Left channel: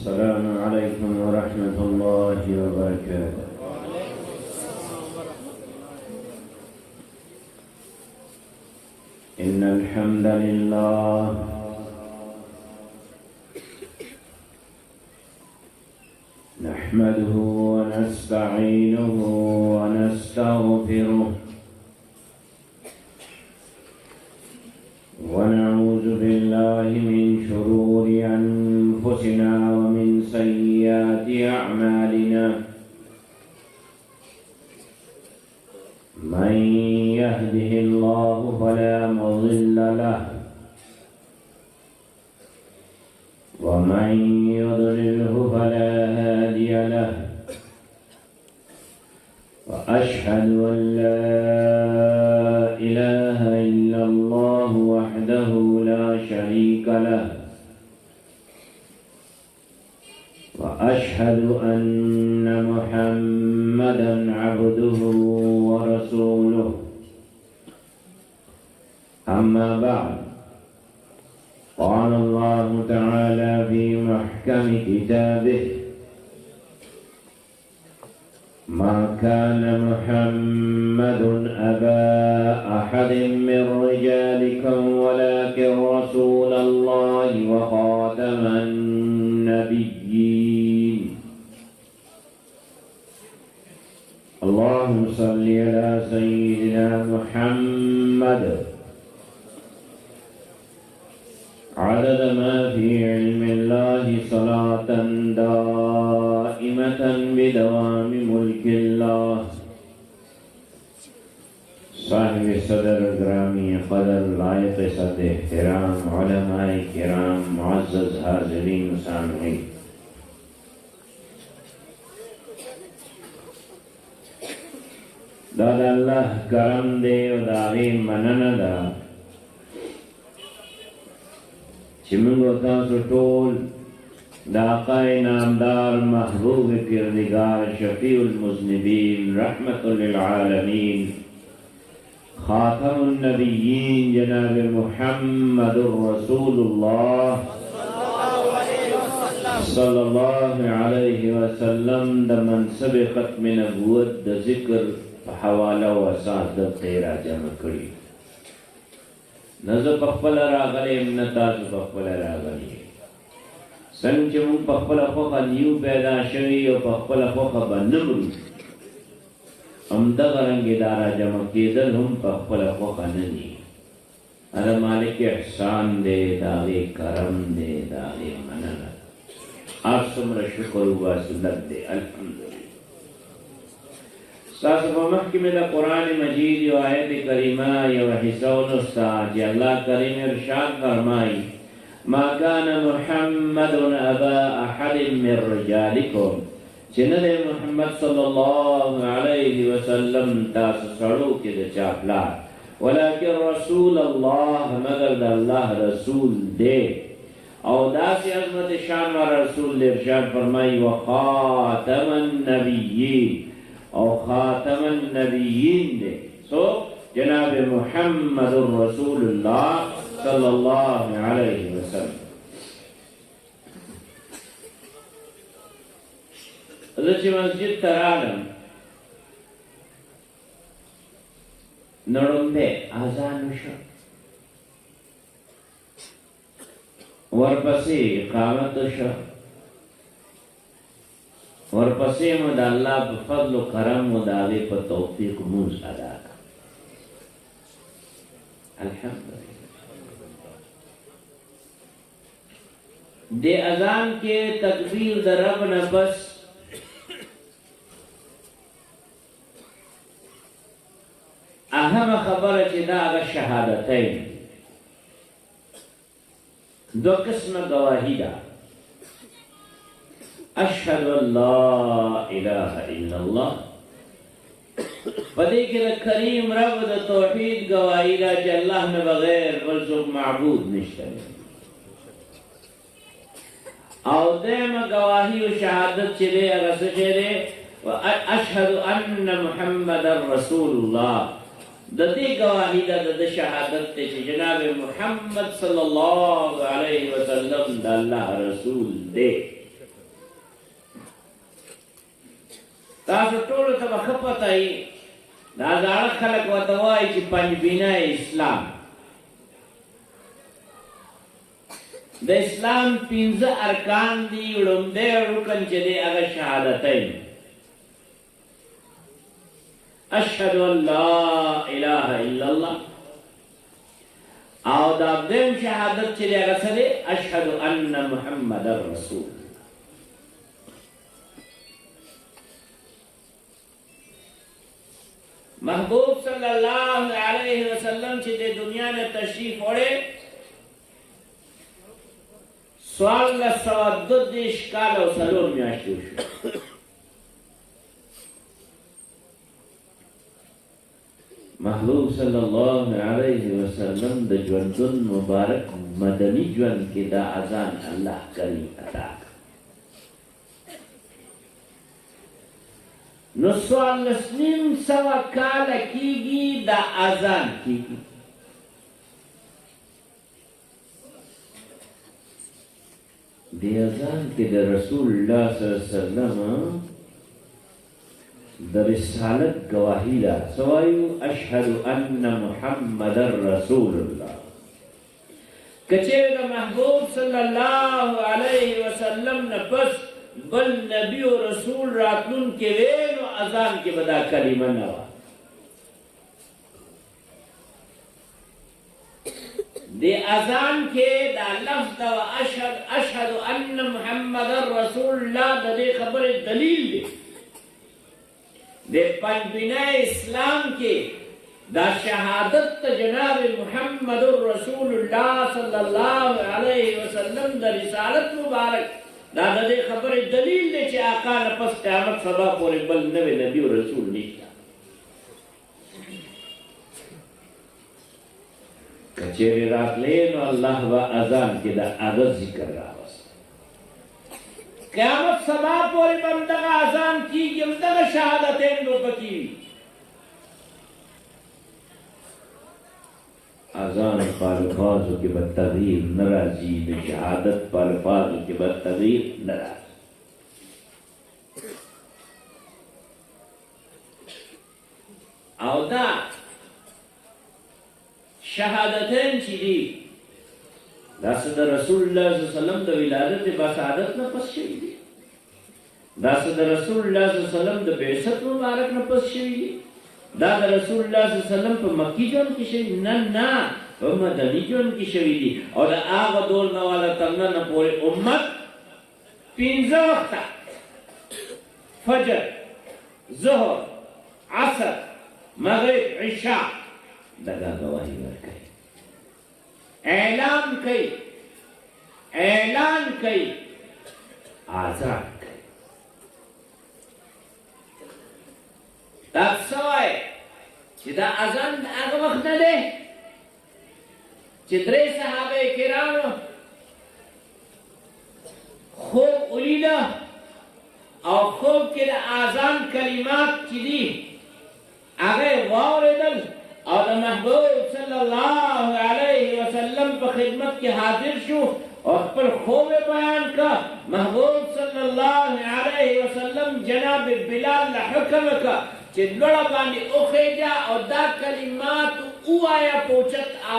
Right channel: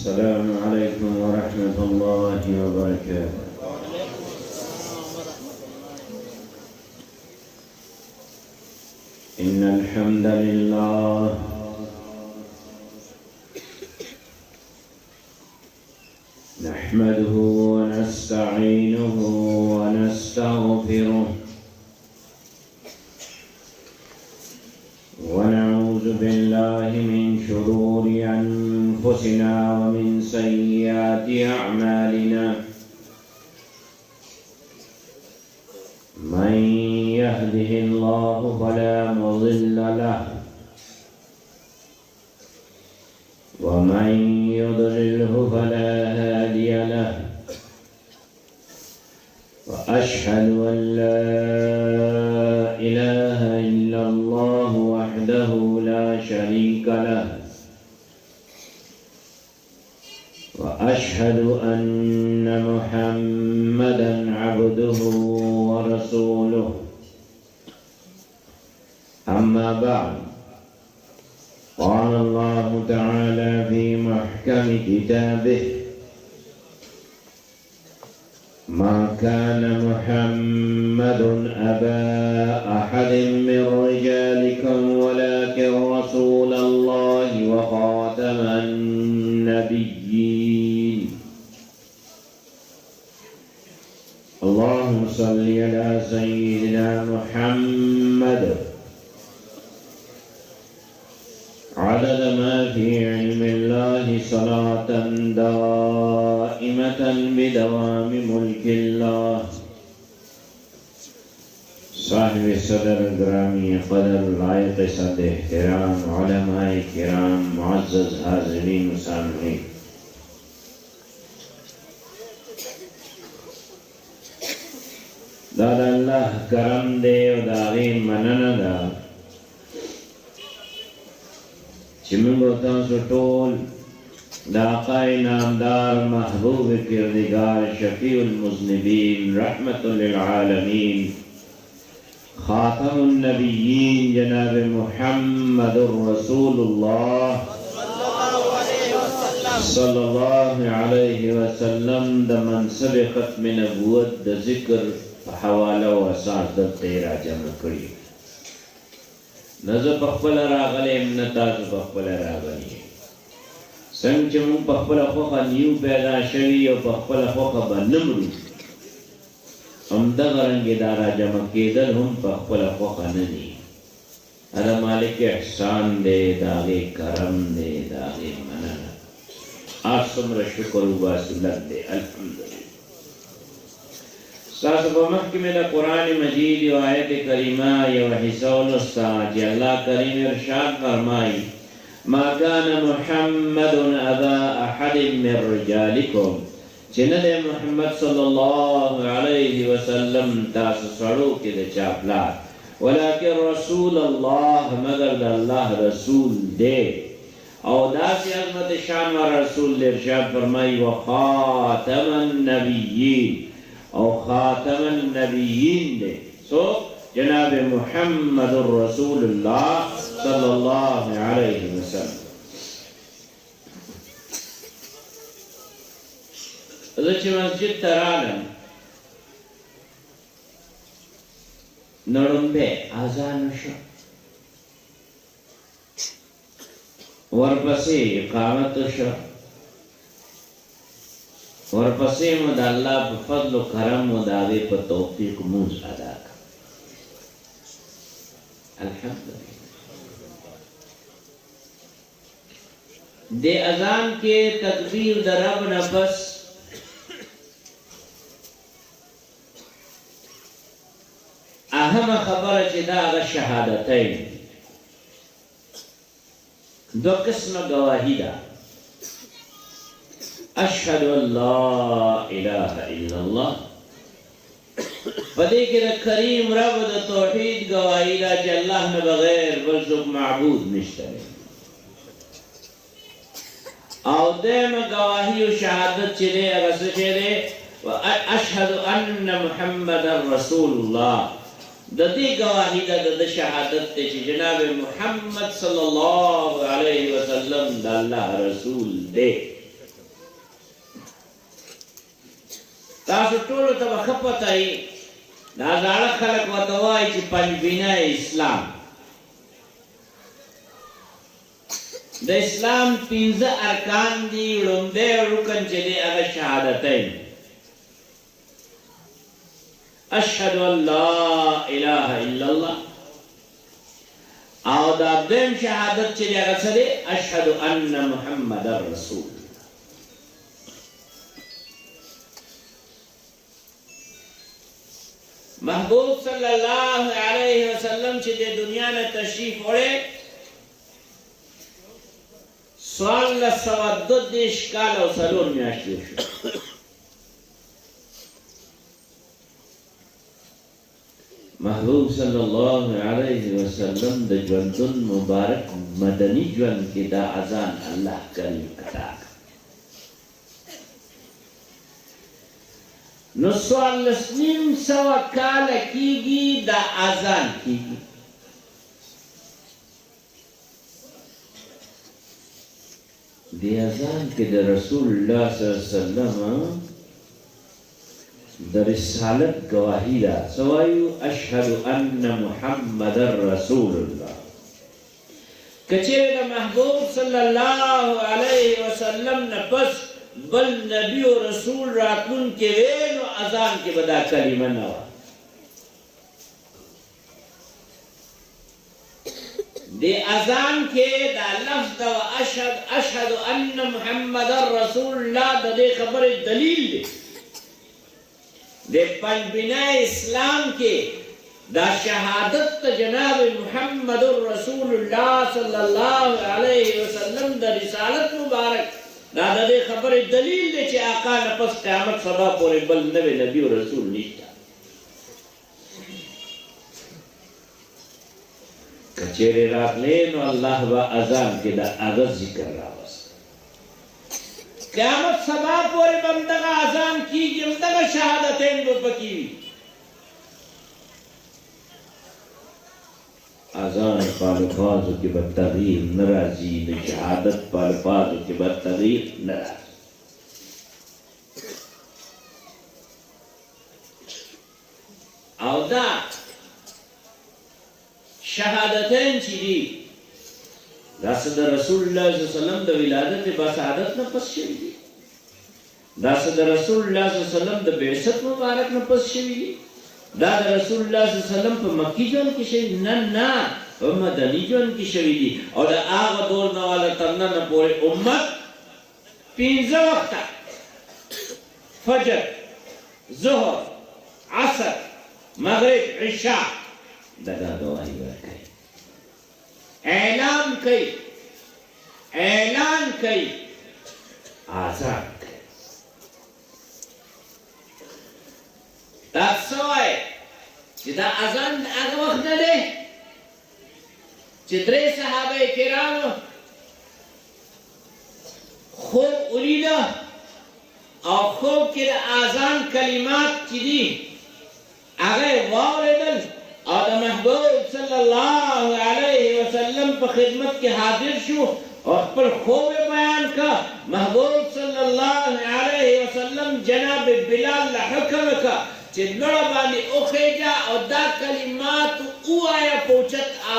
السلام عليكم ورحمة الله وبركاته. إن الحمد لله نحمده ونستعينه ونستغفره ونعوذ بالله من شرور أنفسنا ومن سيئات أعمالنا من يهده الله فلا مضل له ومن يضلله فلا هادي له وأشهد أن لا إله إلا الله وحده لا شريك له وأشهد أن محمدا عبده ورسوله. أما بعد، قال الله تعالى في محكم كتابه: ما كان محمد أبا أحد من رجالكم ولكن رسول الله وخاتم النبيين. اللهم صل على سيدنا محمد عدد ما في علم الله صلاة دائمة بدوام ملك الله. صاحب صدر گرامی قدر لائق صد احترام علماء کرام معزز حاضرین و سامعین، دا اللہ کرم دے و داغی منن دا چمنگو تاسو ټول دا آقای نامدار محبوب کردگار شفیع المذنبین رحمت للعالمین خاتم النبیین جناب محمد رسول اللہ صلی اللہ علیہ وسلم دا منصب ختم نبوت دا ذکر حوالہ و اساس دا تیرا جمع کری. نزو پخپل راغلیم نتاسو پخپل راغلیم سنگ چمون پخپل خوخا نیو پیدا شوی و پخپل خوخا بنمرو امدغ رنگ دارا جمع کیدل هم پخپل خوخا ننی. ارہ مالک احسان دے، داغی کرم دے، داغی منن. آپ سمر شکر و باسلت دے. الحمدللہ. ساسو کو محکم دا قرآن مجید و آیت کریمہ و حسول استاد اللہ کریم ارشاد فرمائی: ما کان محمد ابا احد من رجالکم، چند محمد صلی اللہ علیہ وسلم تاس سڑو کی دا چاپلات، ولیکن رسول اللہ مگر دا اللہ رسول دے. او دا سی عظمت شان و رسول دے ارشاد فرمائی: وخاتم النبیین، او خاتم النبیین دے. سو جناب محمد رسول اللہ صلی اللہ علیہ وسلم. ازچ مسجد ترالم نڑنبے آزان شو، ورپسی اقامت شو، ورپسی مد اللہ بفضل و کرم و داغی پر توفیق موز ادا کر. الحمدللہ. دے اذان کے تکبیر در رب نفس اہم خبر چدا اگر شہادتین دو قسم گواہی دا: اشہد ان لا الہ الا اللہ. فدی کہ کریم رب دا توحید گواہی دا کہ اللہ نے بغیر برزق معبود نشترے. او دیم گواہی و شہادت چلے رس چلے اشہد ان محمد رسول اللہ. ددی گواہی دا د شہادت تے جناب محمد صلی اللہ علیہ وسلم دا اللہ رسول دے. تاسو ټول ته خپتای دا ځاړه خلک وته وایي چې پنځبینه اسلام د اسلام 15 ارکان دي لومړی رکن چې دی هغه شهادتین اشهد ان لا اله الا الله او دا دیم شهادت چې دی هغه څه دی اشهد ان محمد رسول محبوب صلی الله علیه وسلم چې د دنیا نه تشریف وړي سوال لسواد دیش کال او سلور میاشتې شو محبوب صلی الله علیه وسلم د ژوندون مبارک مدني ژوند کې دا اذان الله کریم عطا نو سوال لسنیم سوا کال کیږي دا اذان کیږي دی اذان کې د رسول الله صلی الله علیه وسلم د رسالت گواهی ده سوایو اشهد ان محمد رسول الله کچې د محبوب صلی الله علیه وسلم نه پس بل نبی او رسول راتلون کې ویلو اذان کې بدا کلمه نه و دی اذان کې دا لفظ دا اشهد ان محمد رسول الله د دې خبره دلیل دی د پنځبینه اسلام کې دا شهادت جناب محمد رسول الله صلی الله علیه وسلم د رسالت مبارک دا د دې خبره دلیل دی چې آقا نه پس قیامت سبا پورې بل نوی نبی او رسول نشته کچېره راتلې نو الله با اذان کې دا هغه ذکر راوست قیامت سبا پورې بندګه اذان کیږي همدغه شهادتین به پکې اذان په الفاظو کې به تغییر ناراضي د شهادت په الفاظو کې به تغییر ناراضي او دا شهادتین چې دي دا د رسول الله صلی الله علیه وسلم د ولادت په شهادت نه پس شوی دي دا د رسول الله صلی الله علیه وسلم د بعثت مبارک نه پس شوی دي دا د رسول الله صلی الله علیه وسلم په مکی ژوند کې شوی نه په مدني ژوند کې شوی دي او دا هغه دور نه والا تر نن پورې امت 15 وخت فجر ظهر عصر مغرب عشاء دا گواهی ورکړي اعلان کوي آزاد کوي تاسو وایي چې دا اذان هغه وخت نه دی چې درې صحابه کرامو خوب ولیده او خوب کې د اذان کلمات چې دي هغه واورېدل او د محبوب صلی الله علیه وسلم په خدمت کې حاضر شو او خپل خوب بیان کا محبوب صلی الله علیه وسلم جناب بلال له حکم کا چې لړ باندې اوخېجا او دا کلمات وایا پوچت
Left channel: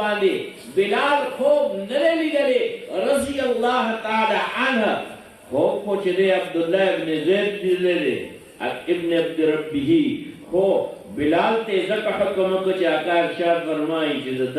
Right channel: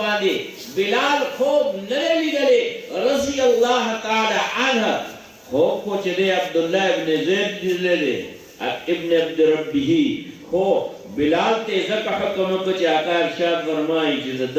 باندې بلال خوب نه لیدلې رضی الله تعالی عنه خوب کو چې عبد الله ابن زید لیدلې ابن عبد ربه خو بلال ته ځکه حکم وکړ چې آقا ارشاد فرمایي چې د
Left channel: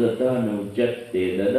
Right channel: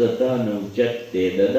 د تا نه اوچت دی د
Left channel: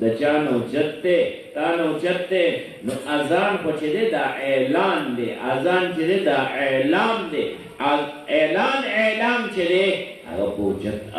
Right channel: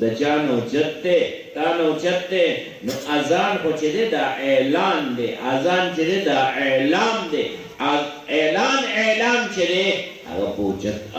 د چا نه اوچت دی تا نه اوچت دی نو اذان خو چې دی دا اعلان دی اذان چې دی دا اعلان دی اعلان چې دی هغه په اوچت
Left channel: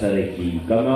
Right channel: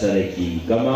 سره کېږي کوم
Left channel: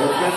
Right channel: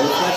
اوچت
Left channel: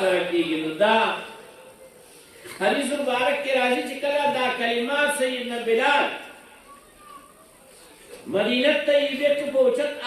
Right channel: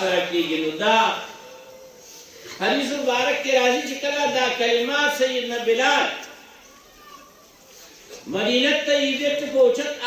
سره کېږي نو دا حدیث مبارک کې راځي چې کله دا کلمات سیدنا بلال مدینه طیبه کې پوچت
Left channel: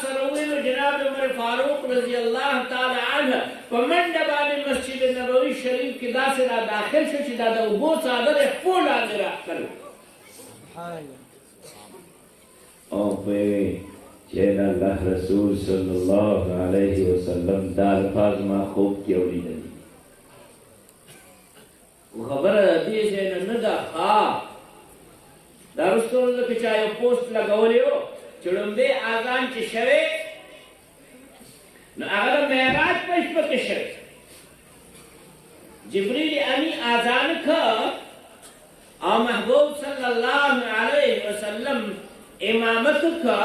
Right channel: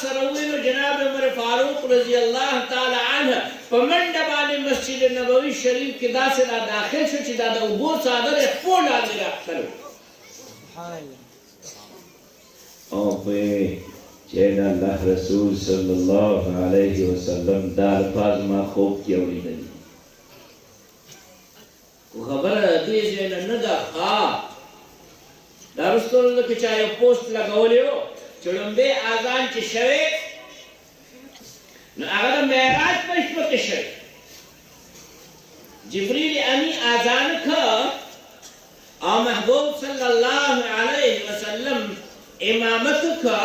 سره ویلو جناب عمر فاروق رضی الله تعالی عنه په منډه باندې مسجد نبوي شریف کې داسې داخل شو چې دا د ابو صادر خپل باندې راځي او په چې الله رسول صلی الله علیه وسلم دا الفاظ ما خوب کې اوریدل خبره دې نه ده دارستون کې چا یو پوسټ لګولیو چې لومبه اذان چې شوه نو هغه د معراج په شپه کې شوه جبريل امي اذان کا اور محبوب صلی اللہ علیہ وسلم امامت کا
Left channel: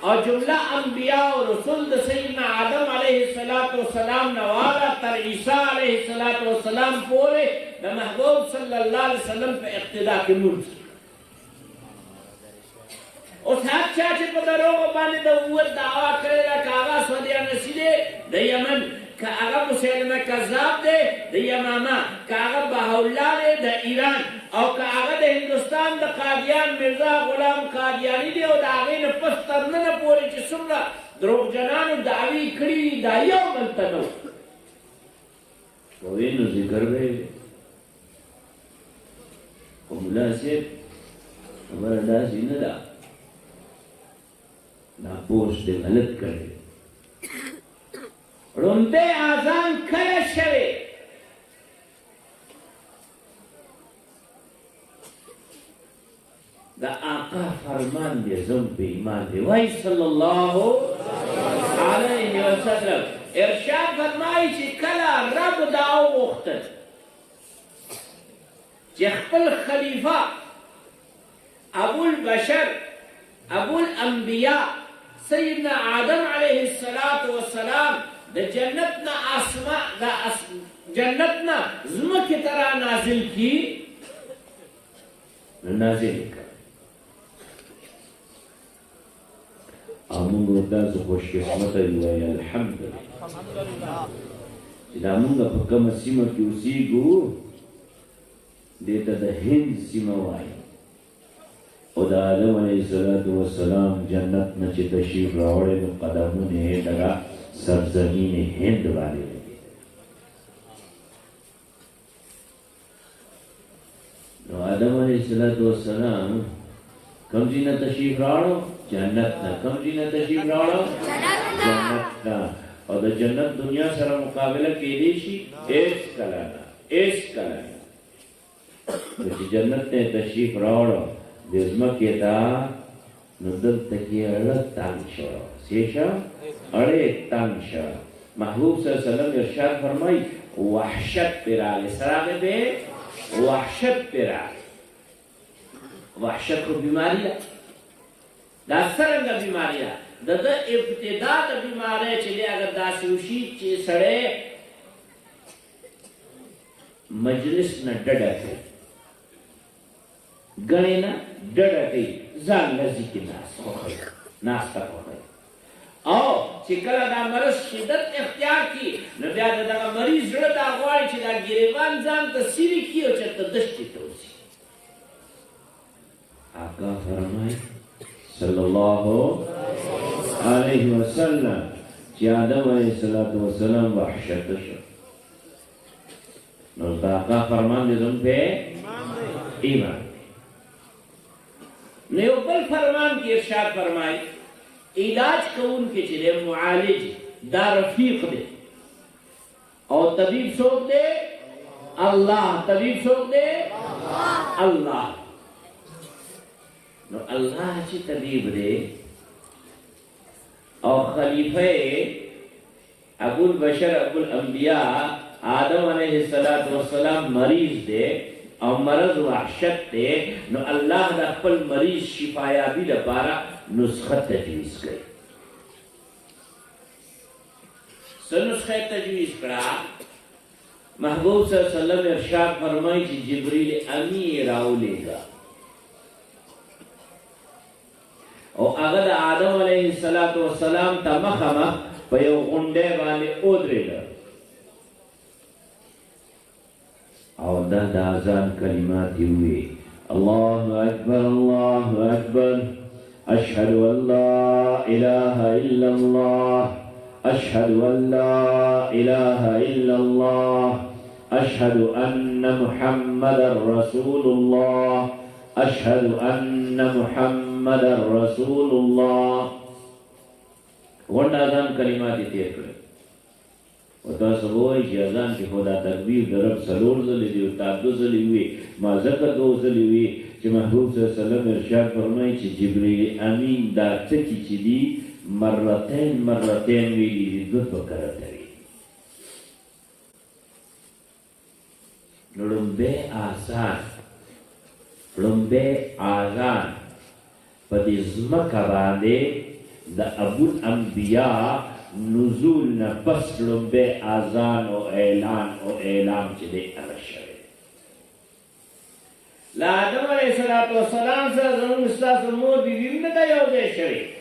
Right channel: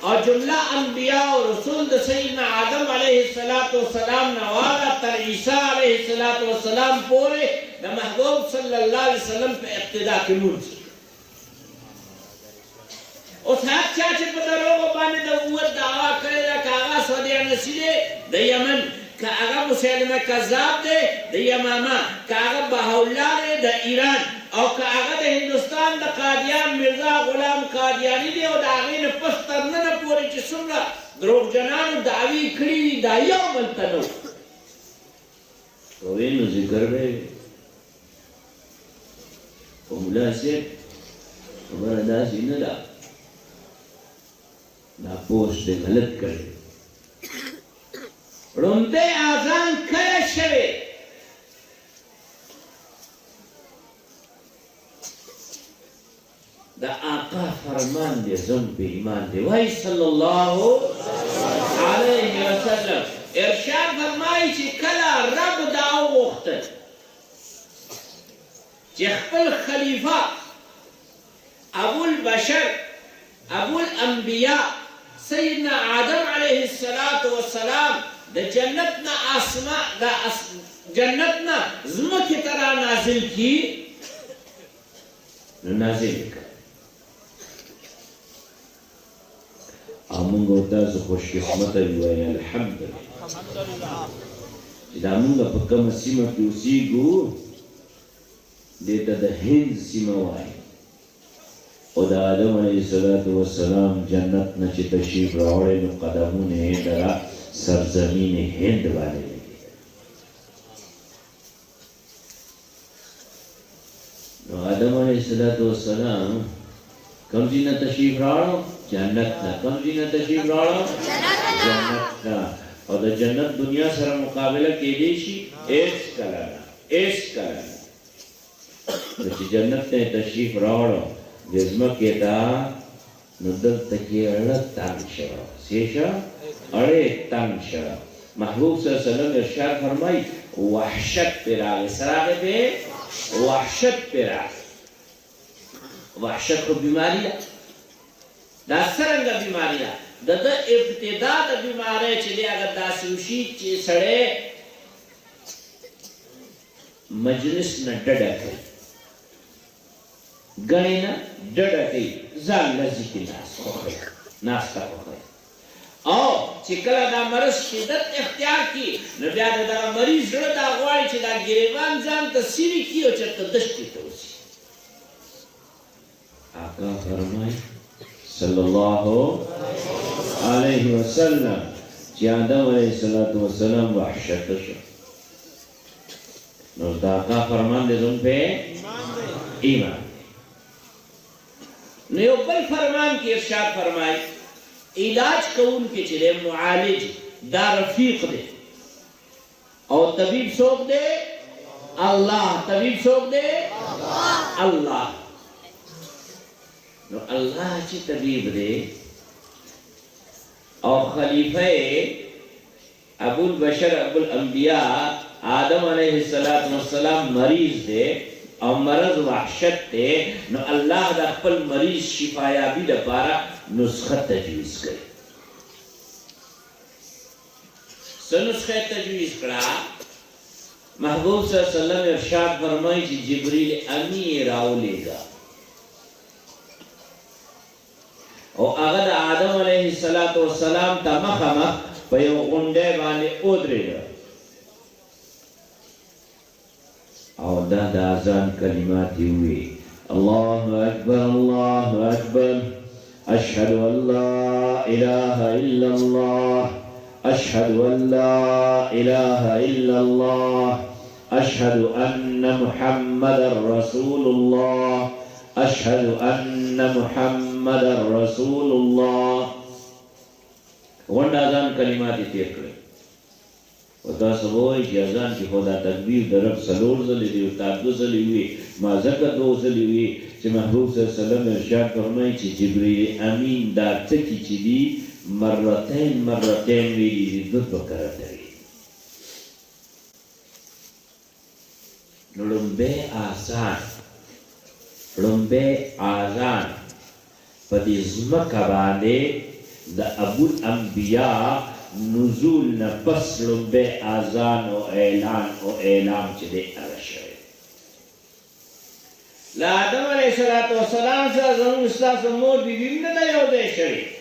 اور جملہ انبیاء و رسول سیدنا آدم علیہ السلام نوالا تر عیسیٰ علیہ السلام پورے دا محبوب صلی اللہ علیہ وسلم پہ اقتداء کی ملک اس حق چاچے پہ دروغ بانے دا اوت دعویٰ کرے دا کاغا سودیہ نسیدے دا یمن کاغا مسلمہ کذاب دے دا یماما کاغا بہاولا دے دا ایران او کاغا دا ہندوستان دا قادیان مرزا غلام قادیانی دے او دا آغین پستر ننا پوری چی سمرا دروغ جنانو دعوی کھڑی دا یو ملتنو کوئینو ذکر بے اولا سے ہمارا دا سینہ دا نا پوسٹ دے غلط کرے رمتے آزان کھلے شوے دا آقا فرمان دے زم پہ ایمان دے وائی صلی اللہ علیہ وسلم ارشاد فرمائی چی کلا رب دعو وقتن چی خپل خلیفہ ابو البشر ابو الانبیاء سیدنا آدم علیہ السلام دا جنتنا آسمان دا جنتنا زمکی طرح نازل کی نازل کر آمون ہوتا سو خوش قسمت ہوئی الحمدللہ دا آمون دا پکم سیمہ کی اسی گو دیتا دا ہند سیمہ ہوئی او دا آدم علیہ السلام جنت نا چی تشریف راوڑے نو قدمون ہے درہ سرزمین ہند والے لگے نو آدم علیہ السلام کم جینا تشریف راوڑو جنت نا کم جینا تشریف راوڑو جنت نا اور دا جنت دنیا سر مقابلہ کی دیشی ایس کلانا وچی جنت نے تشریف راوڑو جزمہ کیتا ندل تکی اڑت تانگ شوا سیشا اڑے تانگ شوا محبوب صلی اللہ علیہ وسلم ارشاد فرمائی وحشت پر آگے سراغے پہ وحشت پر آگے وحشت کو بیماری ہے دا سرنگا بیماری ہے دا ابتدا دا بیماری چلے اگر دا سوشی چی سڑے مجلس نہ ڈڑا کے گنے نا ڈڑا کے زان لذی کی ناستا خوخی او چکلا دا مرض شدت اختیار کی نبیاد دا مریض رد آغواری چی دا گریوان زان تا سیری کی و چرتا دشتی توسی آقا فرمائی صلی اللہ علیہ وسلم چی آدم علیہ السلام وحشت شو نوز دا آقا فرمان دے دن پہ ایمان نیو بل فرمان کی ارشاد فرمائی علاج کون کے چلے معالج دا رفیق دے اور طبیب سوک دے اللہ طبیب سوک دے اللہ نو اللہ چی طبیب دے اور خلیفہ ابو البشر ابو الانبیاء آدم علیہ السلام مریض دے اور مرض وحشت دے نو اللہ دا اقبل مریض شفایابی دا پارا نسخت تجویز گئی سنسخت تجویز کرا محبوب صلی اللہ علیہ وسلم ارشاد فرمائی چی جبریل امی راو لے گا اور اگر آدم علیہ السلام تا مخمہ پیو غنڈے والے ادرے گا اور دا آزان کلماتی ہوئے اللہ اکبر اشہد ان لا الہ الا اللہ اشہد ان لا الہ الا اللہ اشہد ان محمد رسول اللہ اشہد ان محمد رسول اللہ ون آزان کلماتی تیر کرے وتا سوای چې اذان کې خدا تکبیر درب سلور زلی دی او تاسو زلی وی ما زکه دو زلی وی چې محبوب صلی الله علیه وسلم ارشاد فرمایي چې جبرئیل امین دا ټکی چې دی مرتين ویلي دي د بکره دی لومبه آزان په دې ځمکه باندې د ابو الانبیاء نزول نه پس لومبه آزان او اعلان چې دی ارشوي لا آدم علیه السلام سره زموږ استاد مور بیبي نه یو دی شری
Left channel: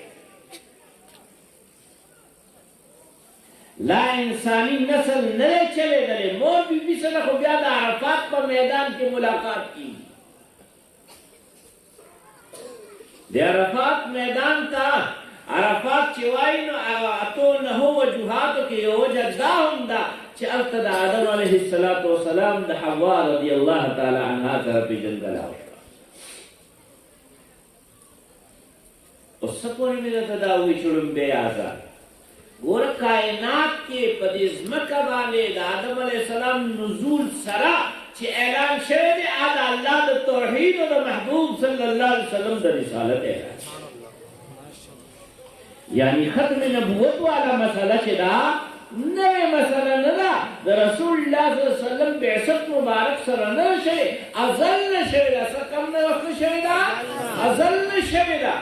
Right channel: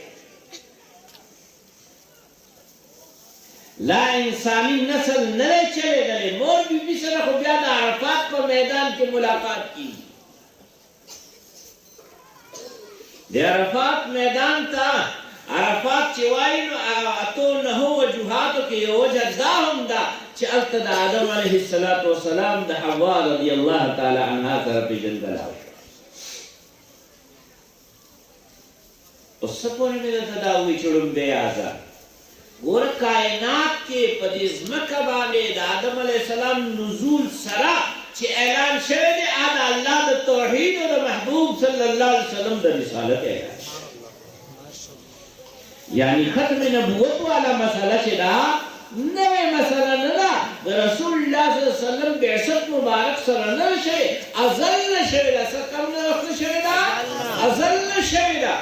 لا انسانی نسل نه چلے گلے مور بیبی سره خو بیا د عرفات په میدان کې ملاقات کی د عرفات میدان ته عرفات چې وایي نو اتو نه وجوهاتو کې یو وجه دا هم ده چې هلته د آدم علیه السلام د حوا رضی الله تعالی عنها سره پېژندل اوس څه پورې مې درته دا ووایي چې لومبی آزاد ګوره کائنات کې په دې ځمکه باندې د آدم علیه السلام نزول سره چې اعلان شوی دی د الله د توحید او د محبوب صلی الله علیه وسلم د رسالت اعلان یعنی ختم نبوت والا مسله چې دا نوې مسله نه ده د رسول الله صلی الله علیه وسلم بعثت مبارک سره نه شوی ازل نه شوی ده څه کم نه وخت شوی ده ازل نه شوی ده